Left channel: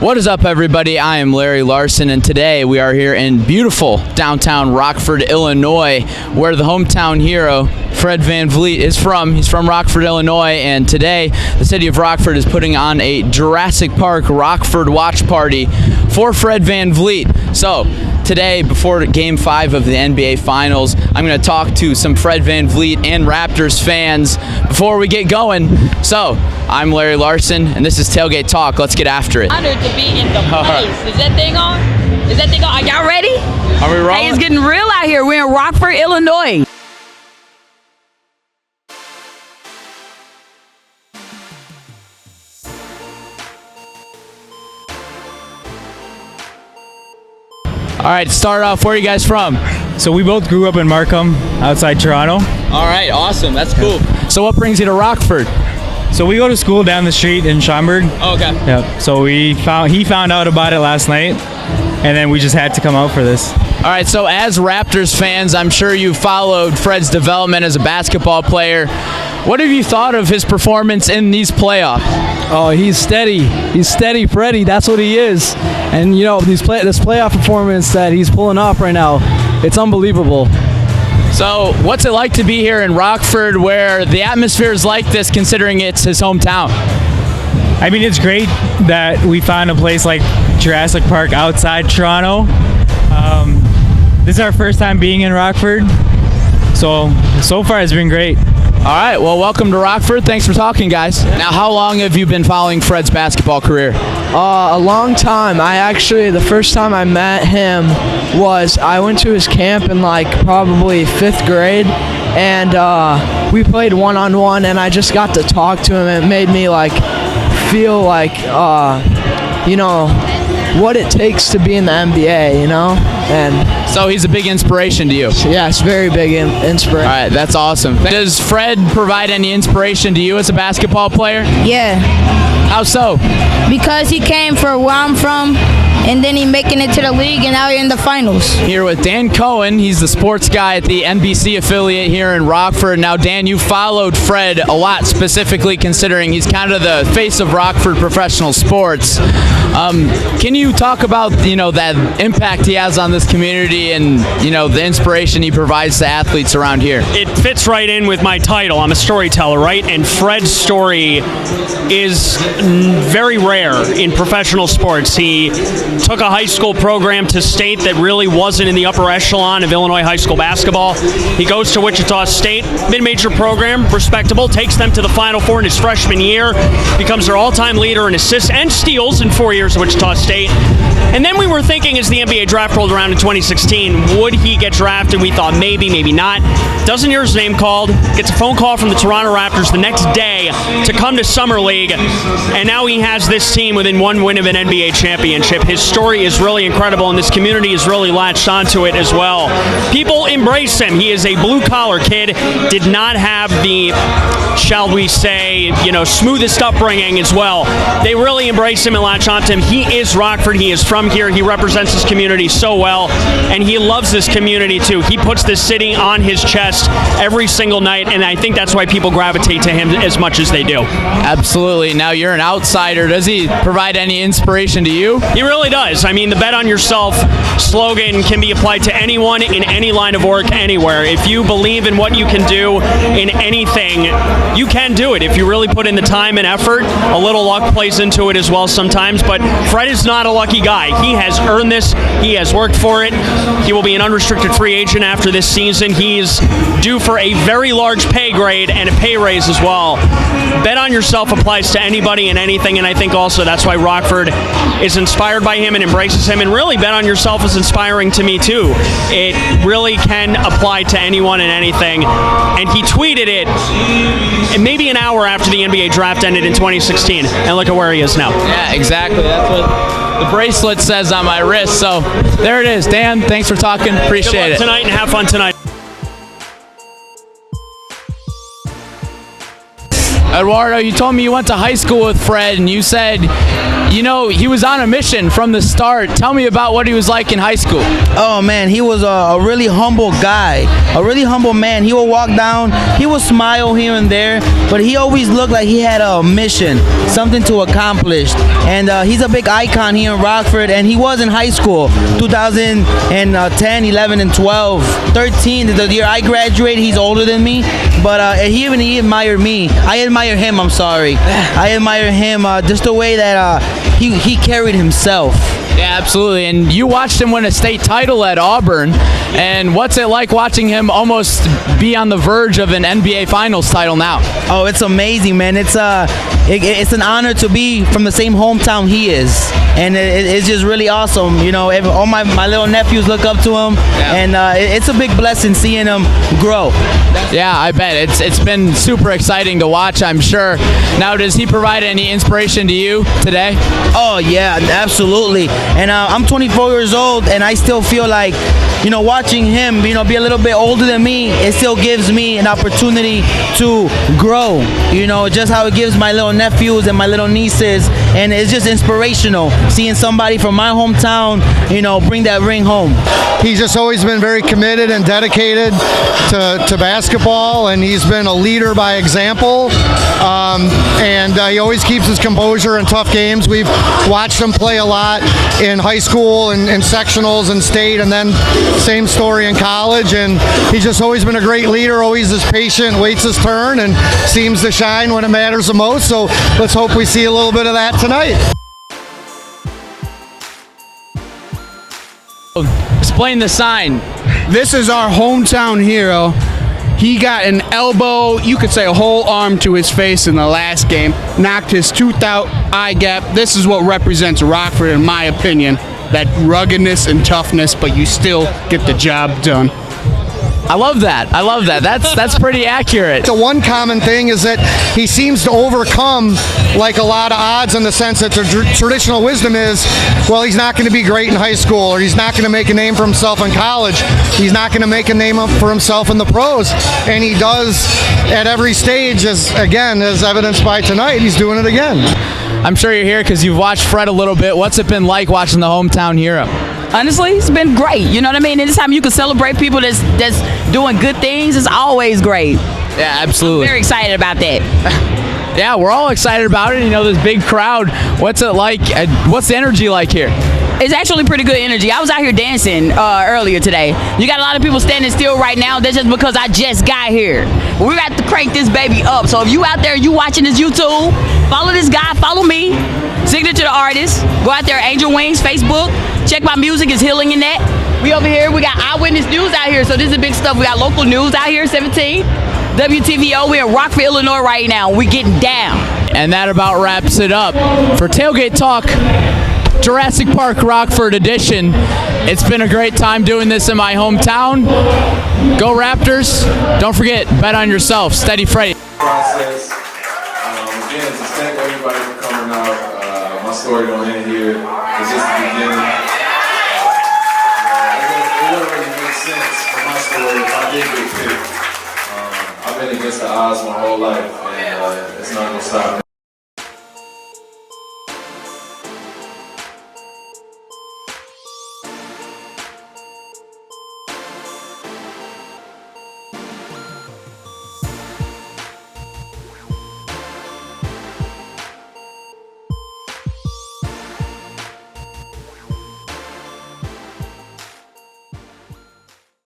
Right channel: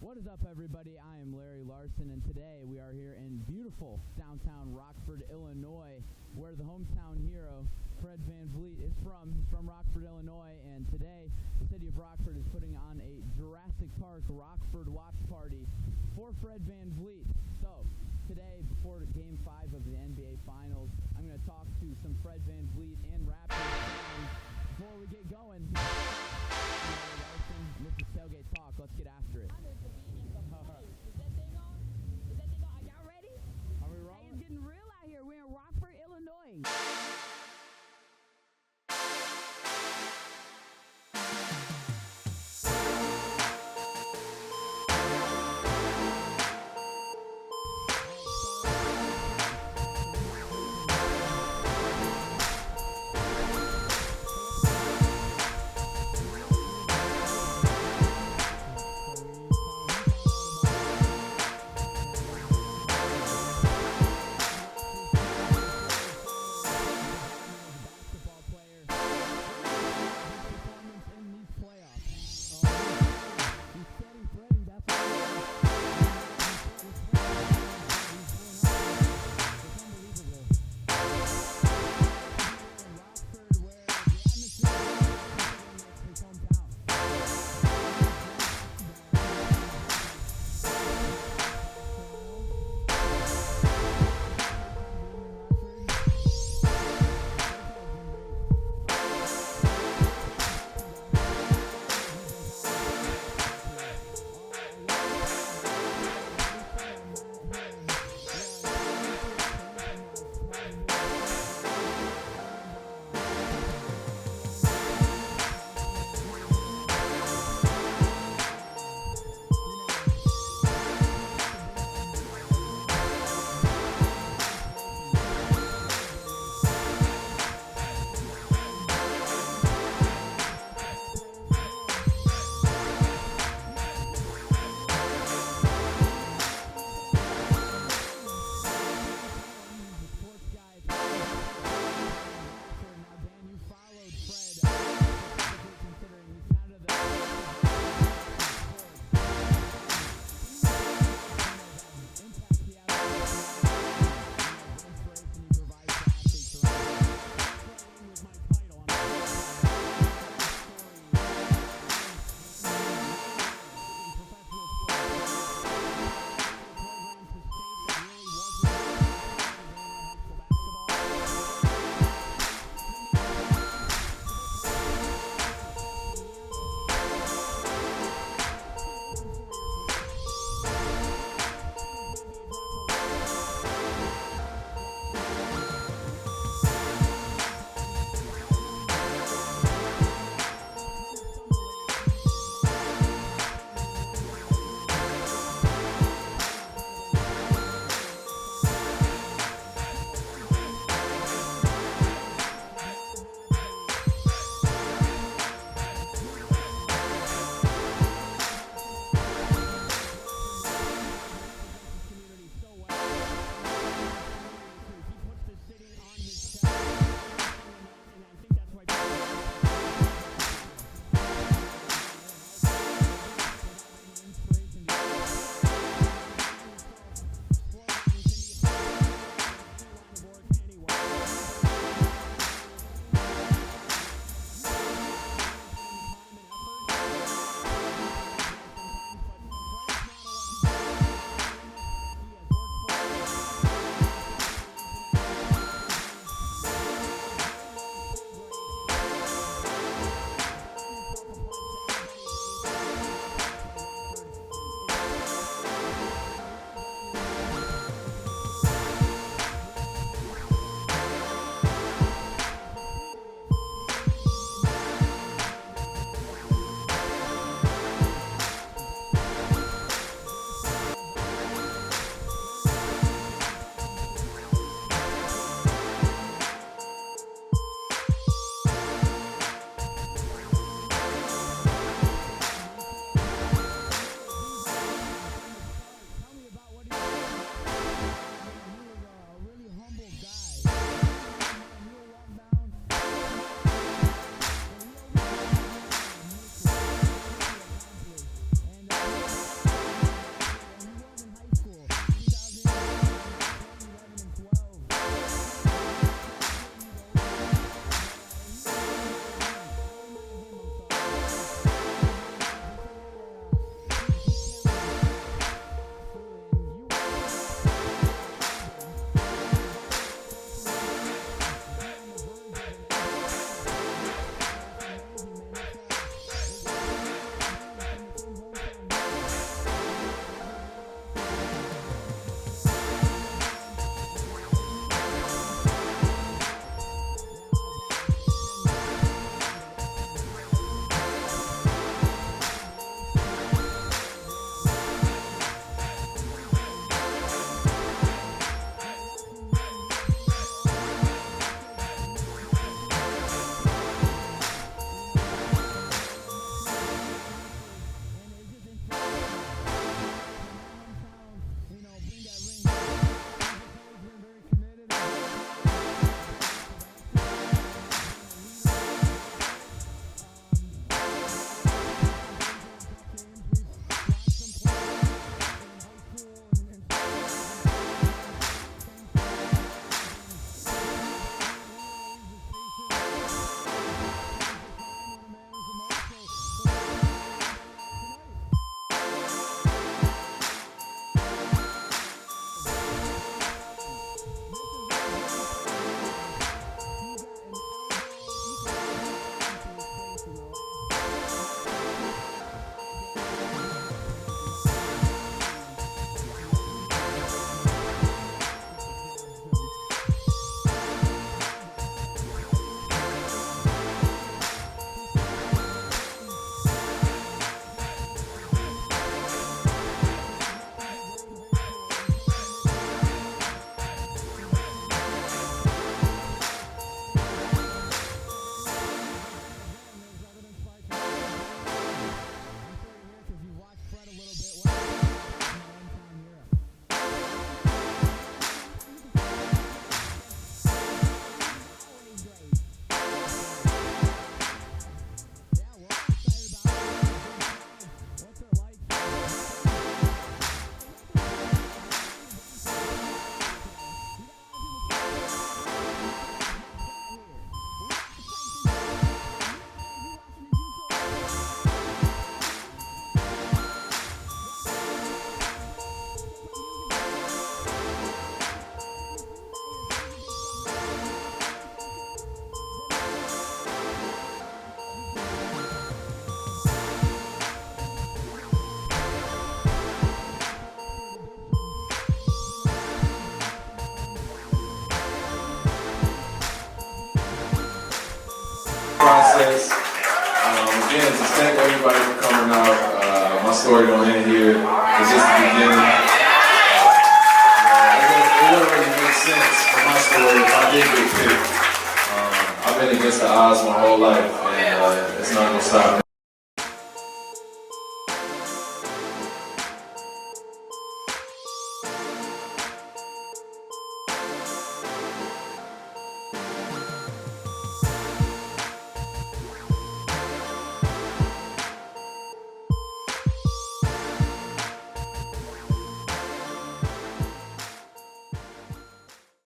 What is up, everybody? I am Larry Larson, and today we are here in beautiful downtown Rockford, Illinois, where the hometown hero, Fred VanVleet, is from. He's from Rockford, Illinois, and today the city of Rockford is putting on a Jurassic Park Rockford watch party for Fred VanVleet. So, today, before Game 5 of the NBA Finals, I'm going to talk to some Fred VanVleet and Raptors fans before we get going. So, I'm Larry Larson, and this is Tailgate Talk. Let's get after it. Honored to be in the place. Is that thing on? Is that thing on? Are y'all ready? Are we rolling? Hey, it's getting real out here. We're in Rockford, Illinois. All right, start off, where are you guys from? So we both grew up in Markham, outside Toronto. All right, awesome. That's cool. So what brings you to Rockford? So we go to school down the street in Schaumburg. Oh, okay. Yeah. So he found out about it last night, and then we just had to come out for this. All right, so as Raptors fans, I'm sure you followed Fred's development as a basketball player. What have you thought of his performance in these playoffs? Oh, he's steady. He's steady, Freddie. That's what he is. And, you know, this playoff performance that he's pulling off right now, it's unbelievable. So what's it like to be here in Rockford where the atmosphere is like this, considering it's his hometown? I mean, it's great that we found a place like Jurassic Park outside Toronto. This is our first time being in Rockford. So far it's been great. All right, well, welcome to Rockford. Thanks for talking, guys. Now, how long have you been following Fred's basketball career? A long time. The first time I met him was I went to his camp in probably 5th grade, and we played one-on-one, and I just got to talk to him. It made me feel what it takes to be in the NBA, and so he's a big inspiration to you. Yes, very big inspiration. All right, that's awesome. Does Fred provide any inspiration to you as a basketball player? Yeah, How so? because he came from where I'm from, and then he making it to the league, and now you're in the finals. Here with Dan Cohen. He's the sports guy at the NBC affiliate here in Rockford. Now, Dan, you followed Fred a lot, specifically considering he's kind of the face of Rockford professional sports. Can you talk about, that impact he has on this community and, the inspiration he provides to athletes around here? It fits right in with my title. I'm a storyteller, right? And Fred's story is very rare in professional sports. He took a high school program to state that really wasn't in the upper echelon of Illinois high school basketball. He goes to Wichita State, mid-major program, respectable, takes them to the Final Four in his freshman year, becomes their all-time leader in assists and steals in 4 years at Wichita State. And then we were thinking, as the NBA draft rolled around in 2016, would he get drafted? We thought maybe, maybe not. Doesn't hear his name called, gets a phone call from the Toronto Raptors the next day to come to Summer League, and now he has this team within one win of an NBA championship. His story is really incredible, and this community has really latched onto it as well. People embrace him. He is a blue-collar kid, did not have the, shall we say, smoothest upbringing as well. They really embrace him and latch onto him. He is Rockford. He is from here. He represents his community so well, and he loves this community too. He puts this city on his chest every single night, and I think that's why people gravitate to him as much as they do. Absolutely. Now, you're an outsider. Does he provide any inspiration to you? He really does. I mean, the bet on yourself slogan can be applied to anyone in any line of work, anywhere. If you believe in what you can do in anything, you can do it. If you really put in the time and effort, a little luck plays into it as well sometimes, but Fred is not a lucky guy. He has earned this. He has worked for it. He will be an unrestricted free agent after this season. He's due for a very large pay grade and a pay raise as well. Bet on yourself applies to anybody and anything, and I think also that's why Rockford is inspired by him and embraces him, and really bet on yourself is inspiring to me too. It really can apply to anyone and anything, and he tweeted it maybe an hour after the NBA draft ended in 2016, and look at where he is now. Yeah, exactly. That's what the bracelet says on my wrist. So there it is. Dan, thanks for talking. Appreciate it. Tonight, and have fun tonight. Eduardo, you told me you went to high school with Fred, and you said, you know, he was on a mission from the start. Tell me about what he was like in high school. Oh man, he was a really humble guy, a really humble man. He would walk down, he would smile here and there, but he always looked like he had a mission, something to accomplish. And he's a big icon here in Rockford, and he was in high school, 2010, 11, and 12. 13, the year I graduated, he's older than me, but he admired me. I admire him, I'm sorry. I admire him, just the way that he carried himself. Yeah, absolutely. And you watched him win a state title at Auburn. And what's it like watching him almost be on the verge of an NBA Finals title now? Oh, it's amazing, man. It's an honor to be from the same hometown he is. And it's just really awesome. You know, all my little nephews look up to him. Yeah. And it's a big blessing seeing him grow. Yeah, I bet. It's been super exciting to watch, I'm sure. Now, does he provide any inspiration to you today? Oh, yeah, absolutely. And I'm 24 years old, and I still feel like, you know, watching him, you know, be a little bit older than me, it still gives me an opportunity to grow, you know, just how it gives my little nephews and my little nieces. And it's just inspirational seeing somebody from my hometown, you know, bring that ring home. He's just always been very committed and dedicated to basketball, and he's been a leader by example. And he always keeps his composure in tough games. We've watched him play a lot in high school and sectionals and state, and then same story in college. And he's just always been a great leader, always is patient, waits his turn, and seems to shine when it matters the most. So let's hope we see a little bit of that tonight. Explain the sign. This is our hometown hero. He got an elbow, you could say a whole arm to his face in the last game, knocked his tooth out, eye gap. This is what represents Rockford, in my opinion, that ruggedness and toughness, but you still get the job done. I love that. I love that. That's pretty accurate. The one common thing is that he seems to overcome like a lot of odds, in the sense that the traditional wisdom is, well, he's not going to be great in high school, or he's not going to make a name for himself in college. He's not going to make a name up for himself in the pros. And he does at every stage, as evidenced by tonight. He's doing it again. I'm sure you're here because you've watched Fred a little bit. What's it been like watching the hometown hero? Honestly, it's been great. You know what I mean? Anytime you can celebrate people that's doing good things, it's always great. Yeah, absolutely. I'm very excited about that. Yeah, we're all excited about it. You know, this big crowd. What's it like? What's the energy like here? It's actually pretty good energy. I was out here dancing earlier today. You got a lot of people standing still right now. That's just because I just got here. We got to crank this baby up. So if you out there, you watching this YouTube, follow this guy, follow me. Signature to artist. Go out there, Angel Wings, Facebook. Check my music, it's Healing in that. We over here, we got Eyewitness News out here. So this is big stuff. We got local news out here, 17. WTVO, we're in Rockford, Illinois right now. We getting down. And that about wraps it up. For Tailgate Talk, Jurassic Park Rockford edition. It's been a great time doing this in my hometown. Go Raptors. Don't forget, bet on yourself. Steady Freddy. Process. Again, just thank everybody for coming out. My story don't end here. It's just the beginning. It wouldn't really make sense for my story if I did get picked. I've been against the odds my whole life, and it's not going to stop me.